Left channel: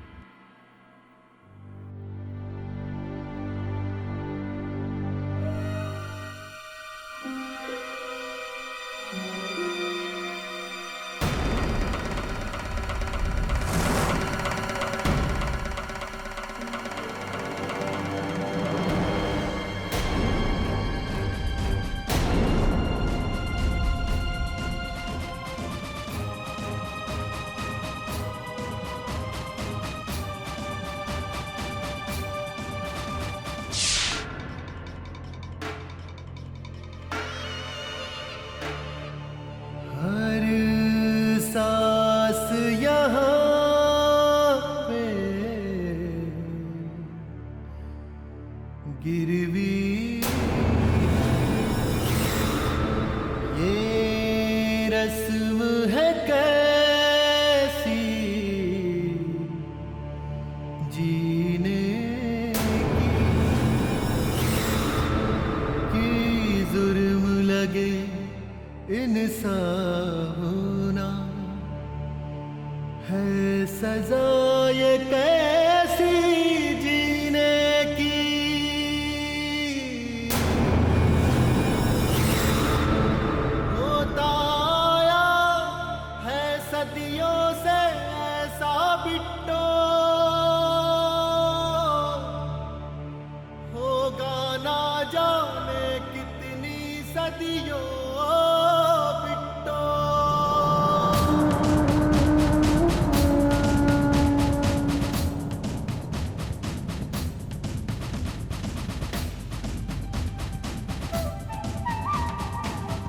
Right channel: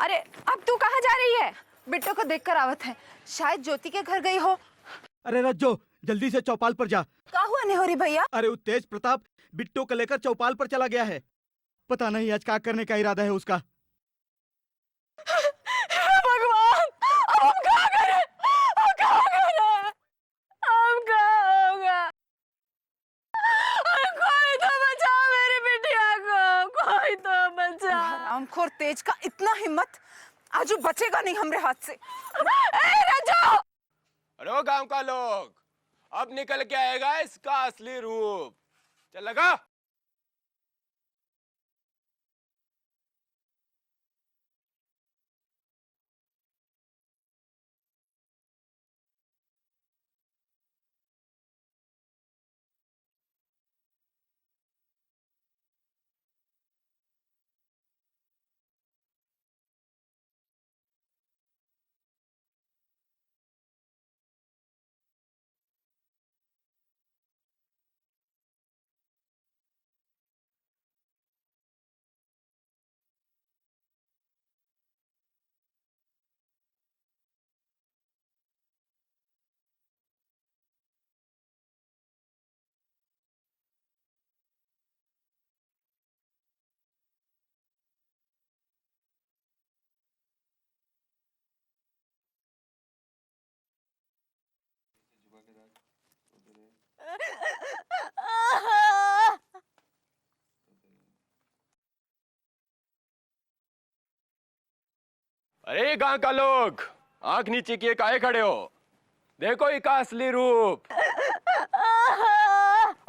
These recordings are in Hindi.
अरे अब तू कहाँ जा रही है? बिट्टू को देखकर आवत है, शायद ज्योति के घर गई हो। अरे रज्जो, जल्दी से चौपाल पर जा। क्या हुआ नेहोरी भैया? अरे उस तेज प्रताप बिट्टू को लेकर चौपाल पर चला गया है। पता नहीं आज क्या करने का इरादा है उसका। भगवान, हम क्या करें? हम क्या करें? हम क्या होगा? कोई तो बचाओ मेरी बिटिया को, कोई तो बचाओ। रामखोर तेज का इतना हिम्मत, आज वो बचेगा नहीं हमरे हाथ से। ए राजू! लो गांव का लोग, अब निकल के आएगा इसका असली रूप। लगा? हर सांस यहाँ पे गिरवी, ये रस्म है कैसी जीने की जुर्म लगे इंसान होना है सजा, ये कैसी जीने की। होता आया है सदियों से ऐसा बिट्टो, होगा ना जाने कितनी सदियों बिट्टो। अरे गांव का लोग, आंख नीचे किए काहे खड़े हो? देखो इसका असली रूप।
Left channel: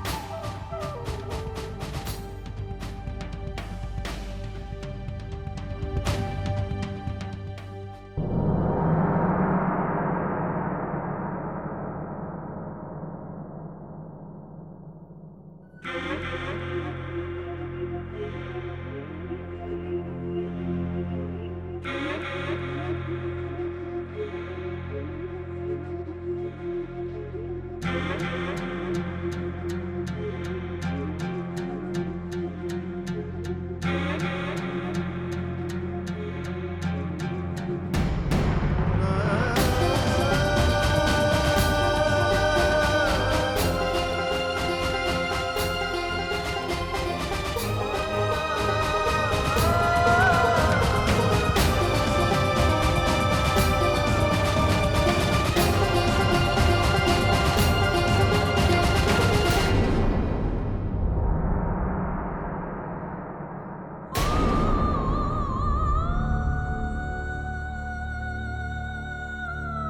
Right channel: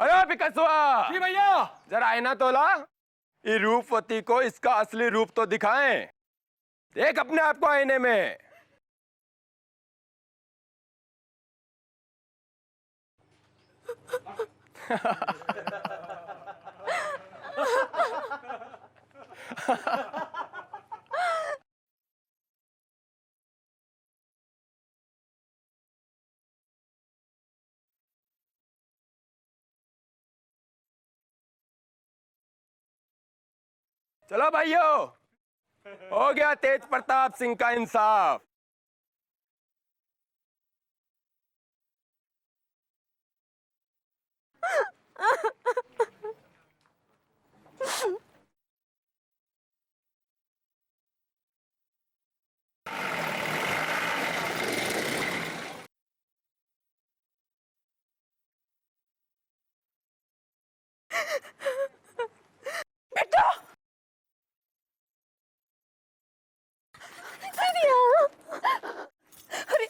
अरे पिकसुआ, जी भैया, जरा आईना तोला। ये रूपवती को इसका असली रूप तो दिखाएं। देख अपने आप को आईने में। चलो भाइयों, हो गया तेज प्रताप सिंह का इंसाफ। अरे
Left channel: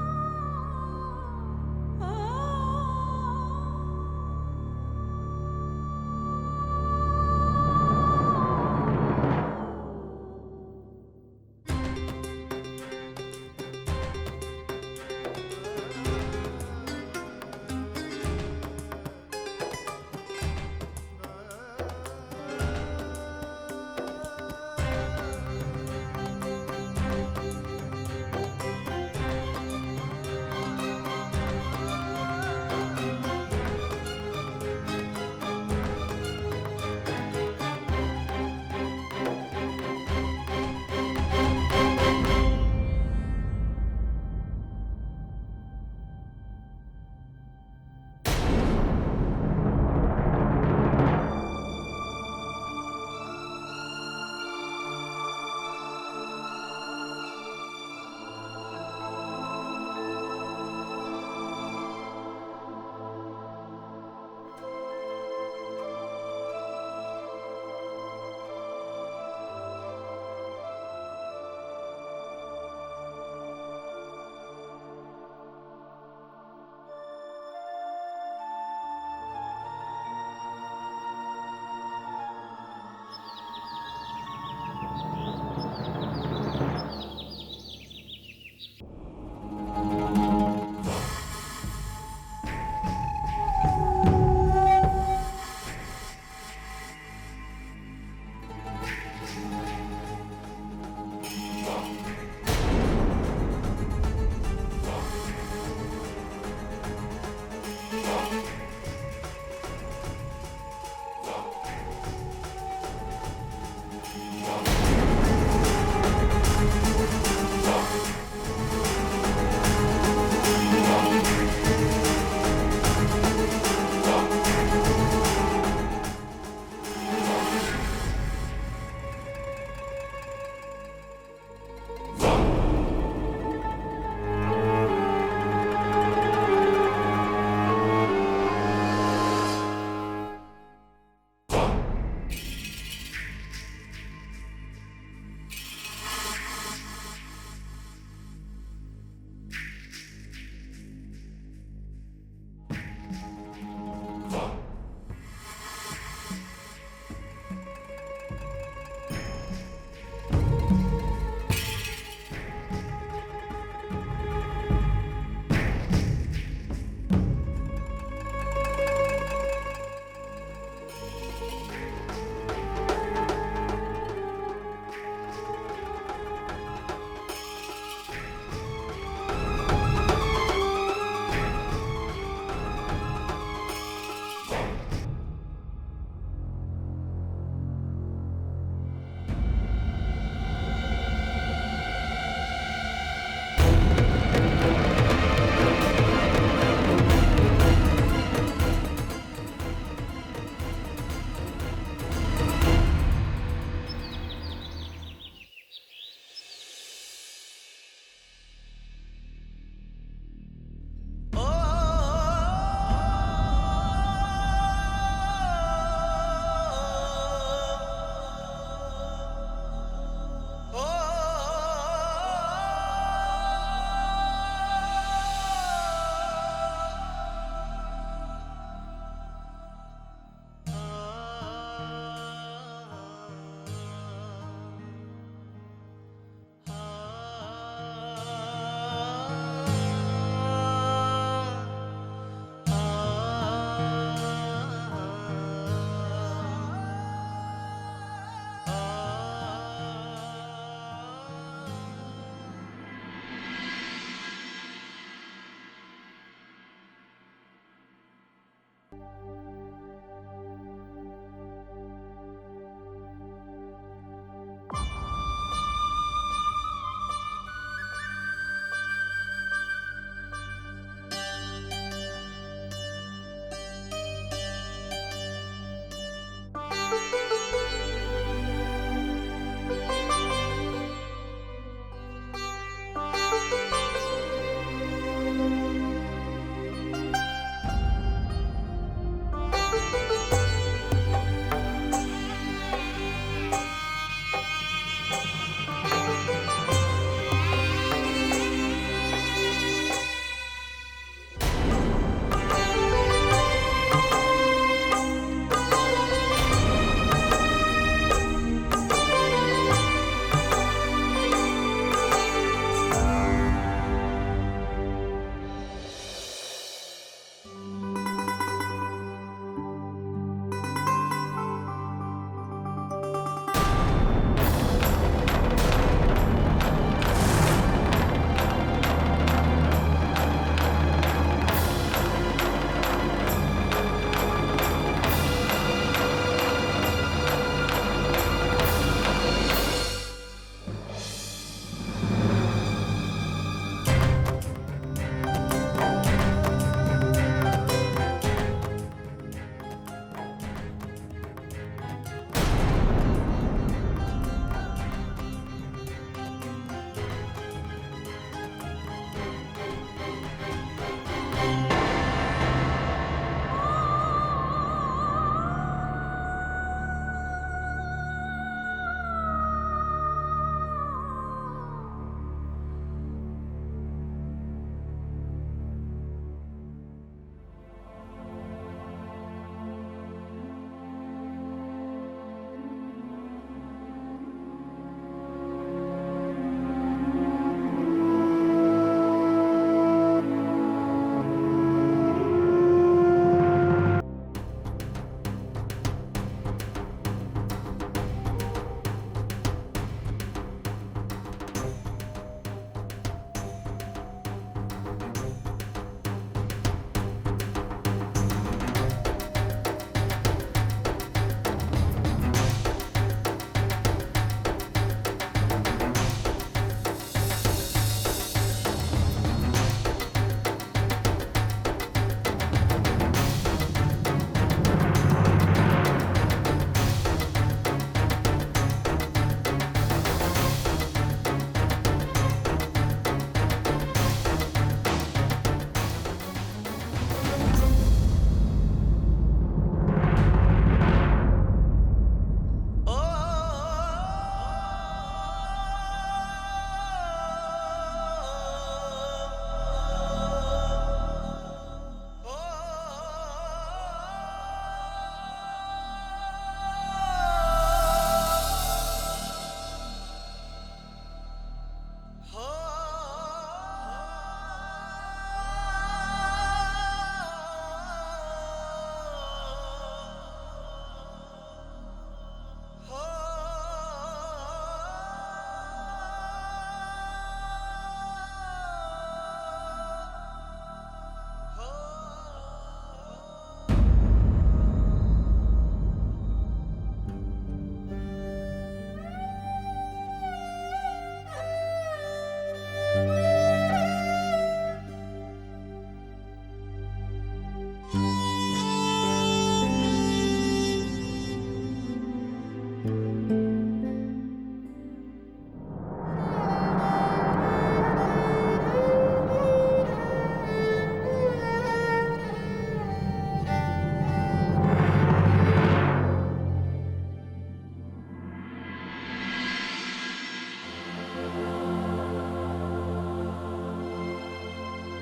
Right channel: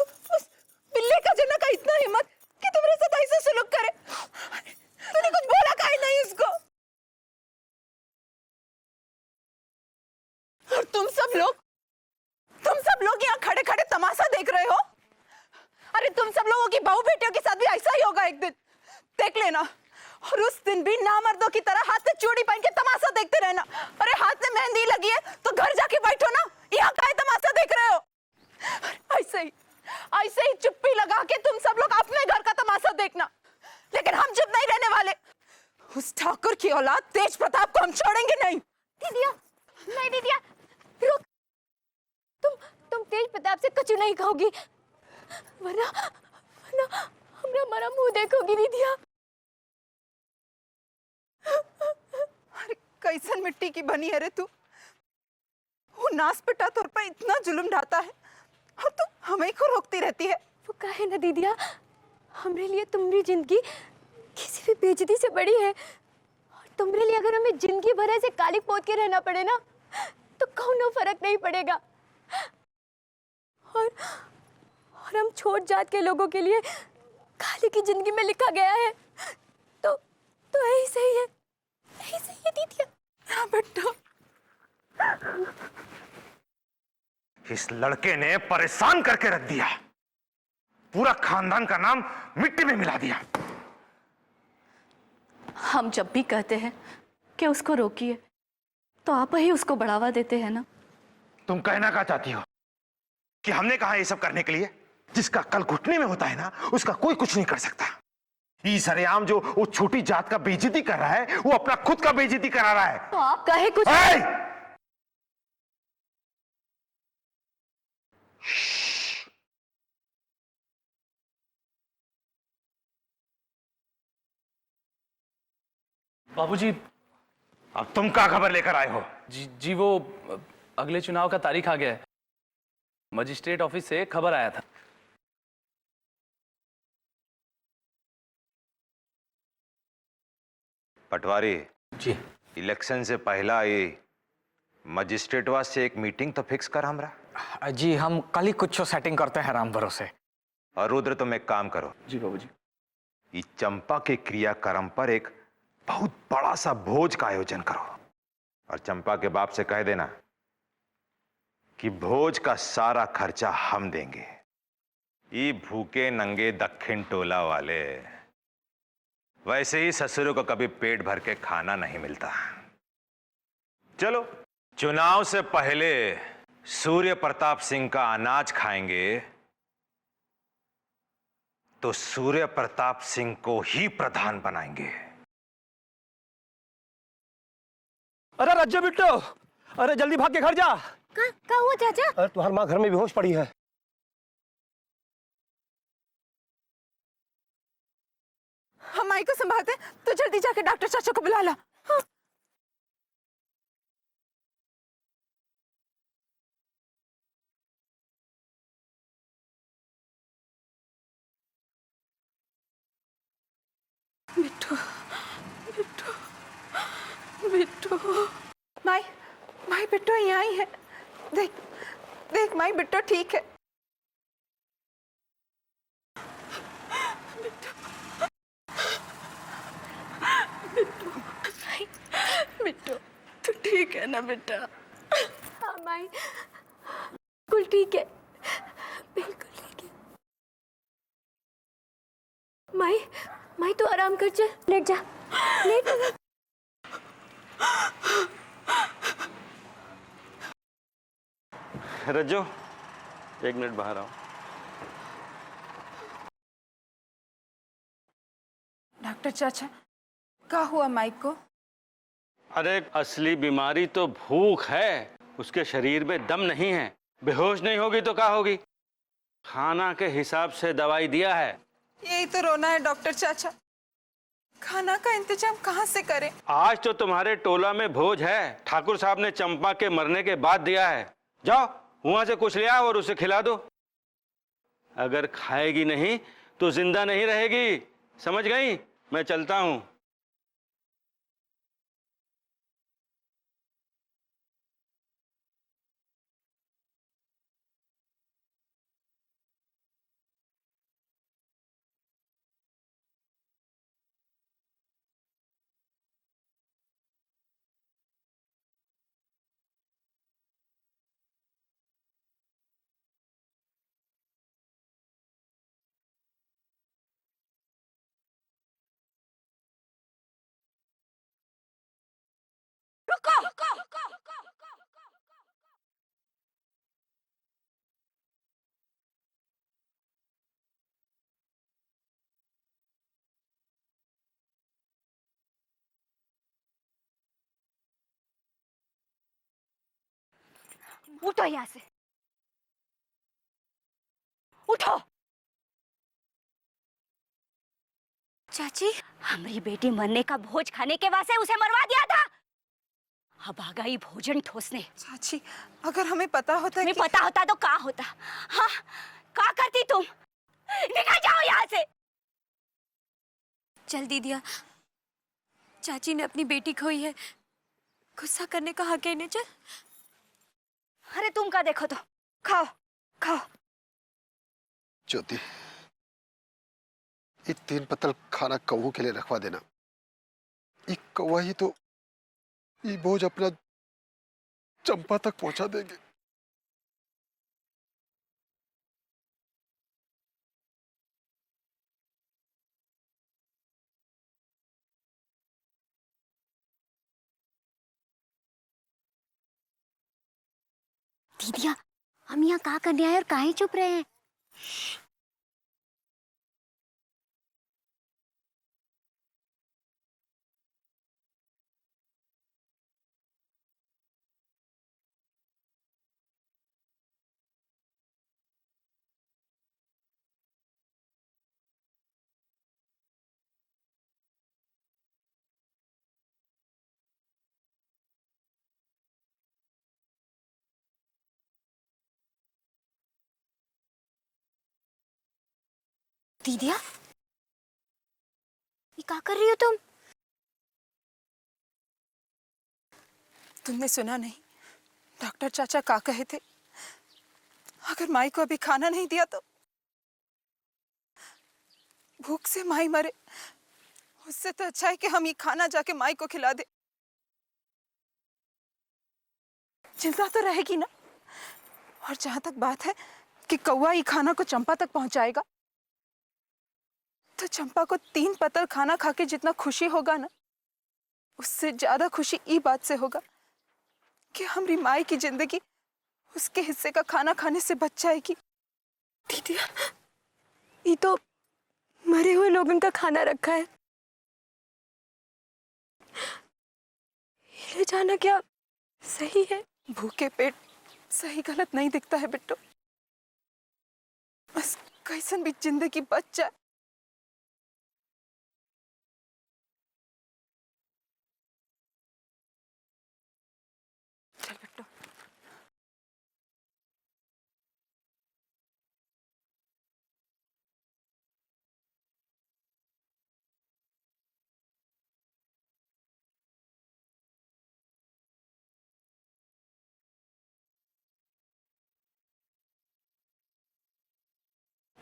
उस बिल्ली का जना का इतना हिम्मत कि तुम्हारे साथ ऐसा सलूक करे। तूने कुछ बोला काहे नहीं उसको? और तुम सब लोग यहाँ खड़े खड़े तमाशा देख रहे हो। अरे तुम सब लोगों की बहू बेटियों के साथ भी ऐसा ही होगा एक दिन, देख लेना। और उस दिन भी नामर्दों की तरह हाथ से चूड़ी पहन के तमाशा देखते रहना। अरे हाथ में मेहंदी लगी है तो घर जाके बैठो ना, यहाँ काहे तमाशा देख रहे हो? ऐसे ही चुप्पी लगा के तुम सब लोग अपने घर का तमाशा देखना, लेकिन हम चुप नहीं रहने वाले। उस ठाकुर की औलाद तेज प्रताप को हम छोड़ेंगे नहीं। दीदिया, तुम तेज प्रताप से कचू नहीं खाओगी, वरना हमरा हमारा मुंह देखोगी दीदिया। कैसन मिट्टी की बनी है रे तू? वो नास पिटा तुर पे इतना जुल्म ढाता है और तू हमें को रोकती रहती है। वो कहे ना दीदिया, हमरे लिए तुम्हारी जिंदगी किसी भी बेइज्जती से बड़ी है। तुम्हारे लिए अगर हमें जिंदगी भर ऐसे काली पोत के रहना पड़े ना, तो कौनो फर्क नहीं पड़ेगा। और हम छोट जात के लोगों के लिए काली की जिंदगी में लिखा गया है, तो यही सही है, यही सही है दीदिया। हाँ बेटा, इस लड़के ने परेशान करके रख दिया, पूरा खानदान का नाम मिट्टी में मिला दिया। हम जब भी कहते हैं कि उसको रोकिए, तो आप ही उसको बढ़ावा देते हैं ना। तुम कहना क्या चाहती हो कि हमने कहा ये सब करने के लिए? जिसका कल घुटने में होता है ना, उसका कोई कुछ नहीं कर सकता। ये सरेआम जो वो छोटी जात का बेइज्जती कर रहा है, वो अपना खुद का बेइज्जती करा रहा है। तो आप कहे कुछ। बाबूजी। अब तुम क्या खबर लेकर आए हो? जी वो अगले चुनाव का तारीख आ गया है। मजिस्ट्रेट ऑफिस से खबर आया था। पटवारी जी। इलेक्शन से पहला ये मजिस्ट्रेट वास से एक मीटिंग तो फिक्स कर हमरा। जी हम कल ही कुछ सेटिंग करते हैं राम भरोसे। और रुद्र तुम एक काम करो, जी बाबूजी। ये चंपा के क्रियाक्रम पर एक बहुत बड़ा सा भोज का आयोजन करो और चंपा के बाप से कह देना कि भोज का सारा खर्चा हम देंगे। ये भूखे नंगे दक्षिण टोला वाले, वैसे ही ससुरों को कभी पेट भर के खाना नहीं मिलता। चलो, चुनाव से पहले सूर्य प्रताप सिंह का अनाज खाएंगे तो सूर्य प्रताप सिंह को ही प्रधान बनाएंगे। अरे रज्जो बिट्टो, अरे जल्दी भाग के घर जा। क्या हुआ चाचा? तुम्हारी माँ घर में बेहोश पड़ी है। हम माई को संभालते, तो जल्दी जाके डॉक्टर चाचा को बुला ला। हाँ। बिट्टू, माई बिट्टू यहाँ आई है। देख देख माई बिट्टू ठीक है। बिट्टू तू ठीक है ना बेटा? हाँ माई, कुल ठीक है। माई माई तू आराम कर, चल लेट जा, लेट। रज्जो, एक मिनट बाहर आओ। डॉक्टर चाचा, क्या हुआ माइक को? अरे असली बीमारी तो भूख है, उसके शरीर में दम नहीं है। बेहोश नहीं होगी तो क्या होगी? खाना के हिसाब से दवाई दिया है। यही तो रोना है डॉक्टर चाचा, खाना का इंतजाम कहाँ से करें? आज तो तुम्हारे टोला में भोज है, ठाकुर साहब ने चंपा के मरने के बाद दिया है। जाओ वहां से कुछ ले आओ और उसे खिला दो। अगर खाएगी नहीं तो जिंदा नहीं रहेगी, समझ गई? मैं चलता हूँ। उठो यहाँ से, उठो। चाची, हमारी बेटी मरने का भोज खाने के वास्ते उसे मरवा दिया था। अब गई भोजन ठोसने। चाची, अगर हमें पता होता हमें पता होता तो क्या होता? हाँ, क्या करती तुम? निकल जाओ यहाँ से। चल दीदिया, चाची ने अपनी बेटी खोई है, गुस्सा करने का हक है नहीं। चल। अरे तुम का देखो तो, खाओ खाओ। ज्योति, ये 3 पत्तल खाना कौओं के लिए रखवा देना। ये कौवा ही तो ये बोझ अपना चंपा तक पहुंचा देंगे। दीदिया, हम यहाँ क्या करने आए और काहे चुप रहे हैं? डॉक्टर चाचा का कहे थे, अगर माई को अभी खाना नहीं दिया तो भूख से माई मरे, उससे तो अच्छा है कि हम ये खाना जाके माई को खिला दे। चिंता तो रहेगी ना। और जहां तक बात है कि कौवा ये खाना को चंपा तक पहुंचाएगा, तो चंपा को 3 पतल खाना खा के जितना खुशी होगा ना, उससे ज्यादा खुशी ई बात से होगा कि हमारी माई की जिंदगी उसके हिस्से का खाना खाने से बच जाएगी। दीदी, ये तो मरे हुए लोगों का खाना रखा है, ये ले जाना क्या सही है? भूखे पेट सही गलत नहीं दिखता है बिट्टू। बस कैसन भी जिंदगी बच जाए।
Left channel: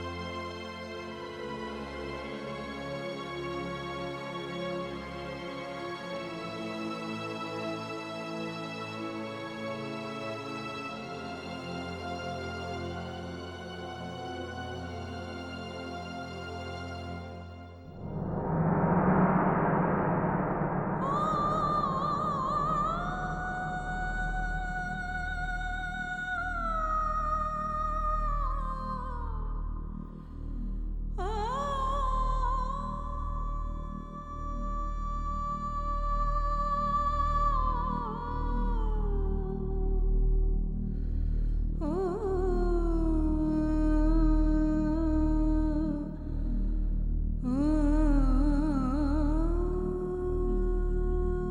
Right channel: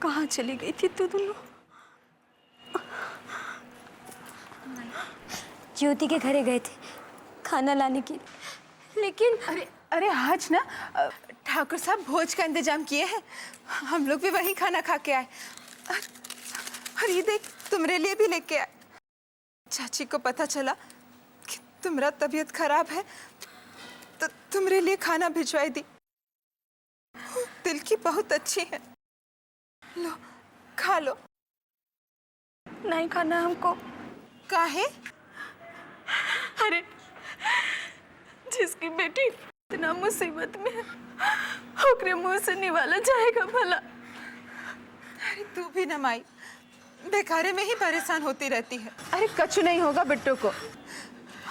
कहाँ चली गई थी तू दोनों? ज्योति के घरे गए थे खाना लाने के लिए, लेकिन अरे आज ना ठाकुर साहब भोज का इंतजाम किए हैं, हम लोग भी वही खाना खा के आए। और ये देख, तुम्हारे लिए भी लेके आए। चाची को पता चला कि तुम्हारा तबीयत खराब है, तो तुम्हारे लिए खाना भिजवाई दी। दिल की बहुत अच्छी है, लो खा लो। नहीं खाना हमको। काहे? अरे जिसकी बेटी इतना मुसीबत में है, ओकरे मुंह से निवाला जाएगा भला? अरे तू भी ना माई, बेकारे में ही परेशान होती रहती है। अरे कुछ नहीं होगा बिट्टू को।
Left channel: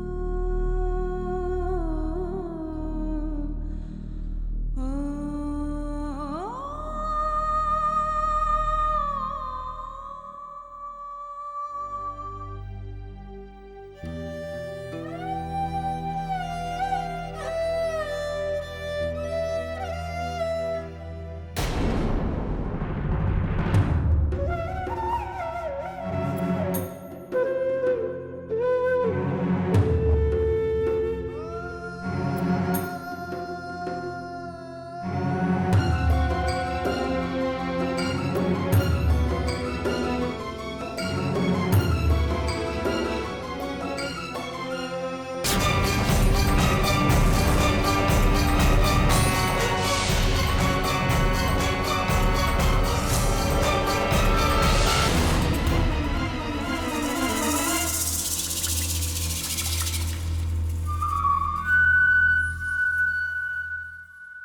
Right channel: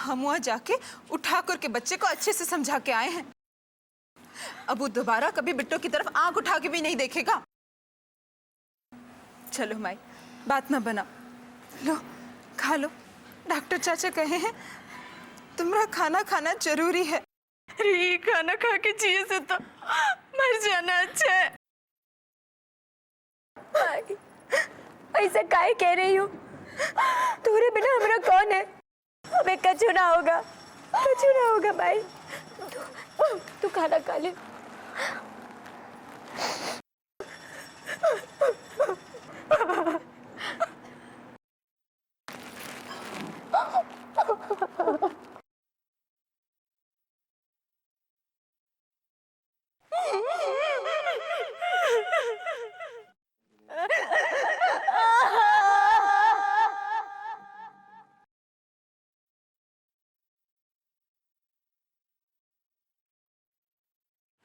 हम वहाँ जाके उठाकर के बच्चे को अच्छे से समझा के आए हैं। अब वो दोबारा कभी बिट्टू की तरफ आंख उठा के भी नहीं देखेगा। चलो माई, बात ना बनाओ, लो खा लो। डॉक्टर चाचा कहे हैं तुम्हारा खाना खाना जरूरी है। अरे ये खाना खा के जिए से तो मर जाना अच्छा है। ऐसा काहे कह रही हो? तुम्हारे बिना हमारा कौन है? हमें कछु ना होगा भाई। तू खाना खा ले।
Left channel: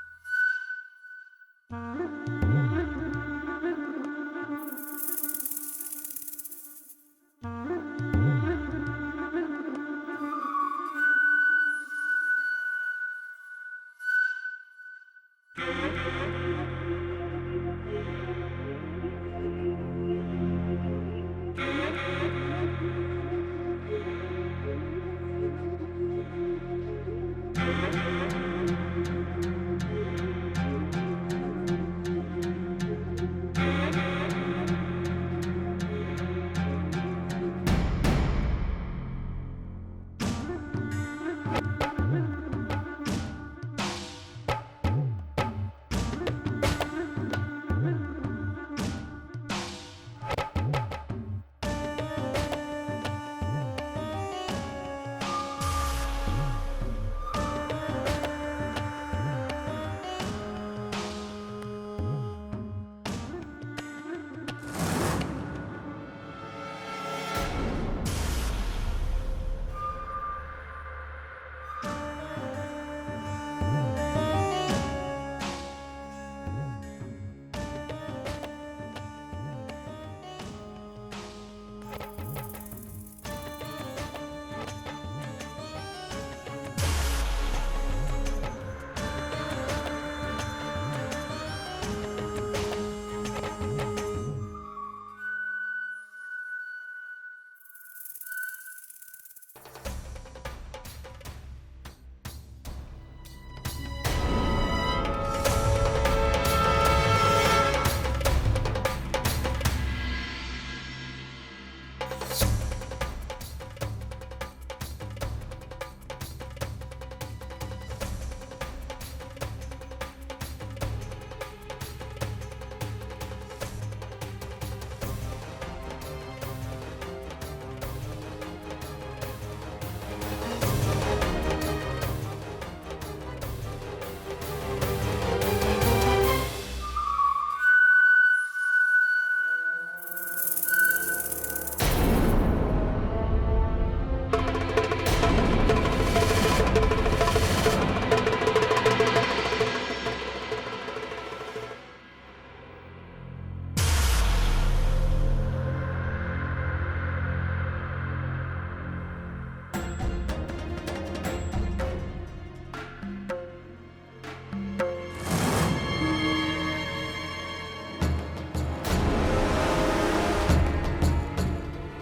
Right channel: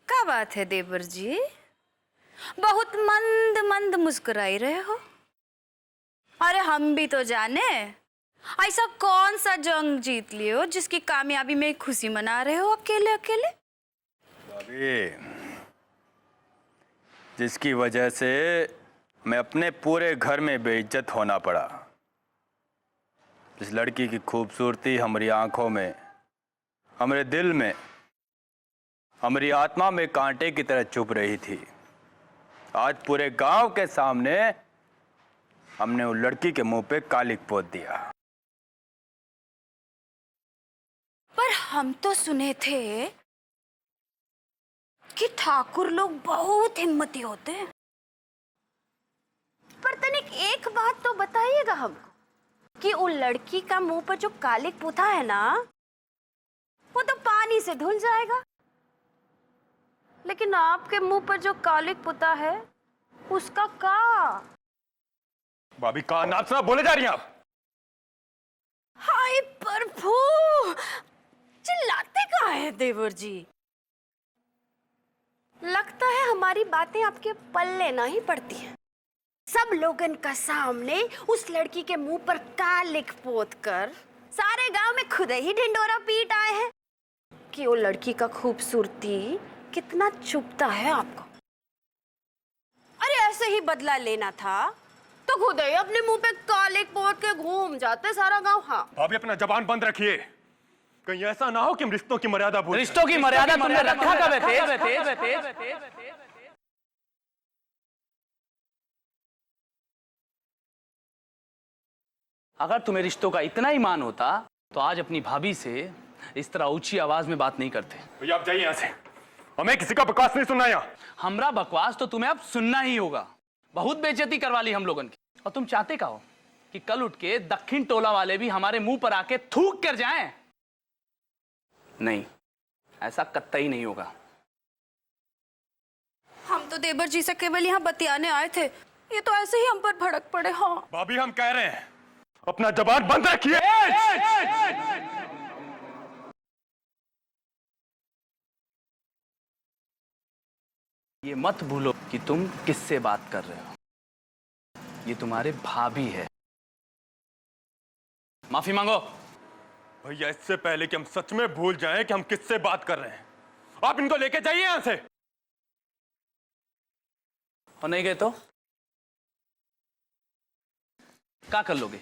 क्या बात है देवर जी, बहुत मंद मंद मुस्कुराई रहे हो। अरे हम भी तो जाने, ऐसा कौन सा जंग जीत लिए हो जिसकी कामयाबी में खुशी मना रहे हो अकेले अकेले? भाभी, जिसकी वजह से मैं अपने पूरे घर में बेइज्जत होना पड़ा। इस लड़की की खूबसूरती हमारी आंखों में, हमारे दिल में, हमारी आत्मा में कांटे की तरह चुभ रही थी। आज पूरे गांव के सामने हमने उस लड़की के मुंह पे कालिक पोत दिया। पर हम तो सुने थे कि ठाकुर लोग बहुत हिम्मती होते हैं। पर तनिक एक बात तो बताइएगा हम, कि उन लड़की का मुंह पर जो कालिक पोता है ना, वो तो पानी से धुल जाएगा, लेकिन आपके मुंह पर जो कालिक पुता है उसका का? भाभी का नाम से बोले जा रही हैं आप? हाय प्रभु, चिल्लाते का है देवर जी? लगता है हमारी बातें आपके पल्ले नहीं पड़ती हैं। सब लोगन का सामने उस लड़की के मुंह पर कालिक पोत कर सारे गांव में खुद ही ढिंडोरा पीट आए हैं कि वो लड़की का खूबसूरती कितना चुभता है आपको। अरे ऐसे ही बदला लेना था तो खुद ही अपने मुंह पे कालिक पोत के घूम जाते सारा गांव। हाँ भाभी, अपना जबान बंद रखिए। कहीं ऐसा ना हो कि हम रिश्तों की मर्यादा भूल रिश्तों की मर्यादा तुमने रखा कब है? अगर तुम्हें रिश्तों का इतना ही मान होता तो आज अपनी भाभी से इस तरह ऊंची आवाज में बात नहीं करते। भैया आप जाइए यहाँ से, हमें किसी का बकवास नहीं सुनना यहाँ। हमरा बकवास तो तुम्हें अब सुनना ही होगा। बहुत बेइज्जती करवा ली हम लोगों ने। और तुम चाहते का हो कि कल उठ के दक्षिण टोला वाले भी हमारे मुंह पर आके थूक कर जाएं? नहीं, ऐसा कतई नहीं होगा। हम तो देवर जी से केवल यहाँ बतियाने आए थे, ये तो ऐसे ही हम पर भड़क पड़े। हाँ भाभी हम कह रहे हैं अपना जबान बंद रखिए। ये मत भूलो कि तुम किससे बात कर रहे हो। ये तुम्हारे भाभी है। माफी मांगो। भैया इससे पहले कि हम सच में भूल जाएं कि हम किससे बात कर रहे हैं, आप इनको लेके जाइए यहाँ से। और नहीं गए तो क्या कर लोगे?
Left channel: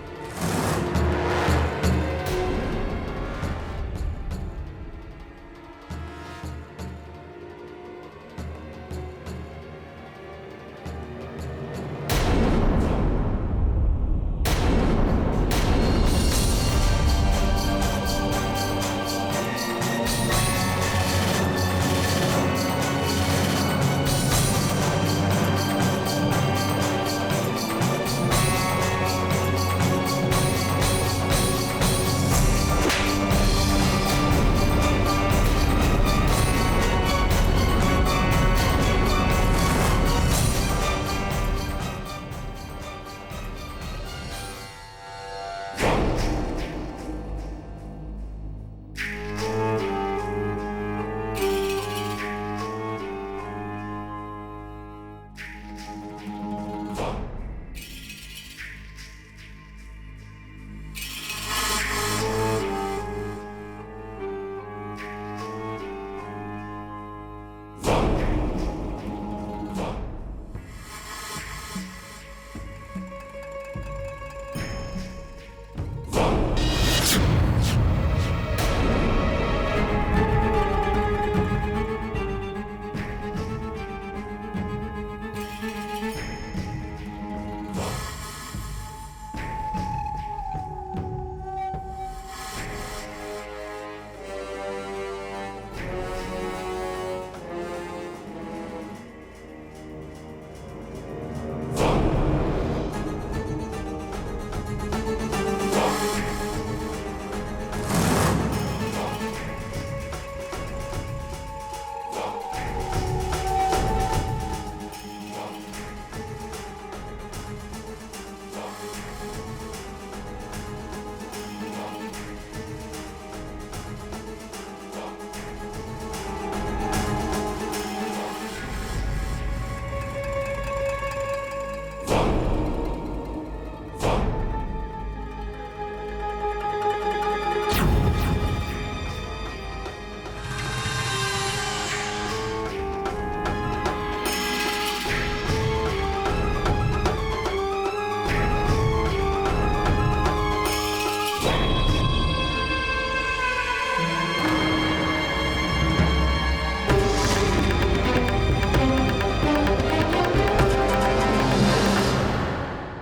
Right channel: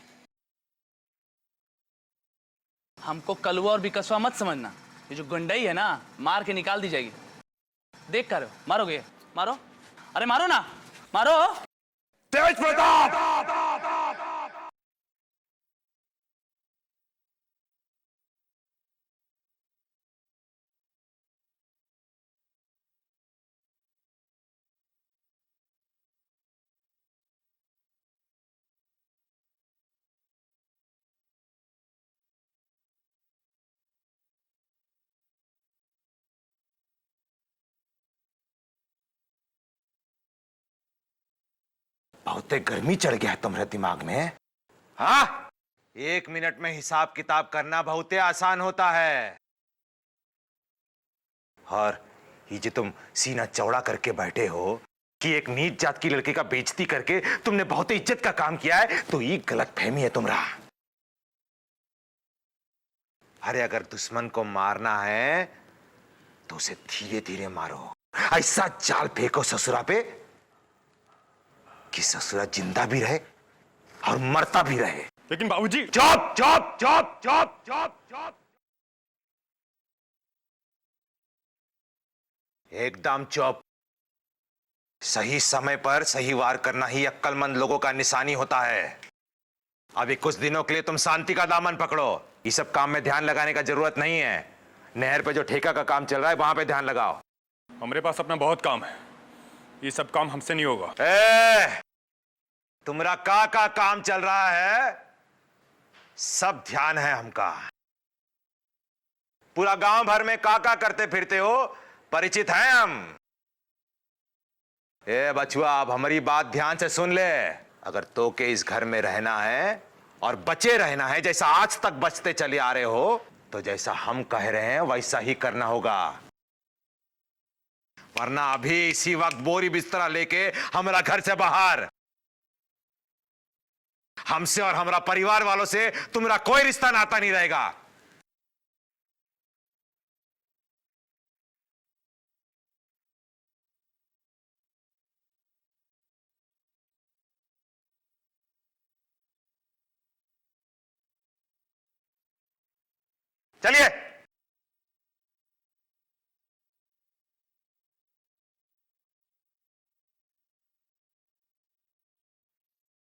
हमको कलवा और बिकसवा मत समझना। ये जो गुंडई है ना, मार के निकाल दी जाएगी। देख कर मारोगे? मारो, अरे मारो ना, मारो। गर्मी चढ़ गया है तुम्हारे दिमाग में, हाँ? 1 मिनट में हिसाब किताब करना बहुत आसान होता है। और ये जो तुम सीना चौड़ा करके बैठे हो कि एक नीच जात की लड़की का बेइज्जती करके तुमने बहुत ही इज्जत का काम किया है, तो ये गलतफहमी है तुम्हारा। अरे अगर दुश्मन को मारना है तो उसे धीरे धीरे मारो। ऐसा जाल फेंको ससुरा पे कि ससुरा जिंदा भी रहे और मरता भी रहे। लेकिन बाबूजी, job job job job job एकदम जॉब। सही समय पर सही वार करना ही अक्लमंद लोगों का निशानी होता है। अभी कुछ दिनों के लिए तुम शांति का दामन पकड़ो। ये सब काम में ध्यान लगाने का जरूरत नहीं है। नहर पे जो ठेका का काम चल रहा है वहां पे ध्यान लगाओ। हमारे पास अपना बहुत काम है, ये सब काम हमसे नहीं होगा। तुम्हारा का काम चल रहा है, सब ध्यान है हमका। पूरा गांव भर में का करते फिरते हो, परिचित हैं हम। बचुआ, अब हमारी बात ध्यान से सुन ले। अगर तो के इस घर में रहना है और बचे रहना है जैसा आज तक बचते चले आ रहे हो, तो जैसा हम कह रहे हैं वैसा ही करना होगा। वरना अभी इसी वक्त बोरी बिस्तरा लेके हमारा घर से बाहर। हमसे और हमारा परिवार वालों से तुम्हारा कोई रिश्ता नाता नहीं रहेगा। चलिए।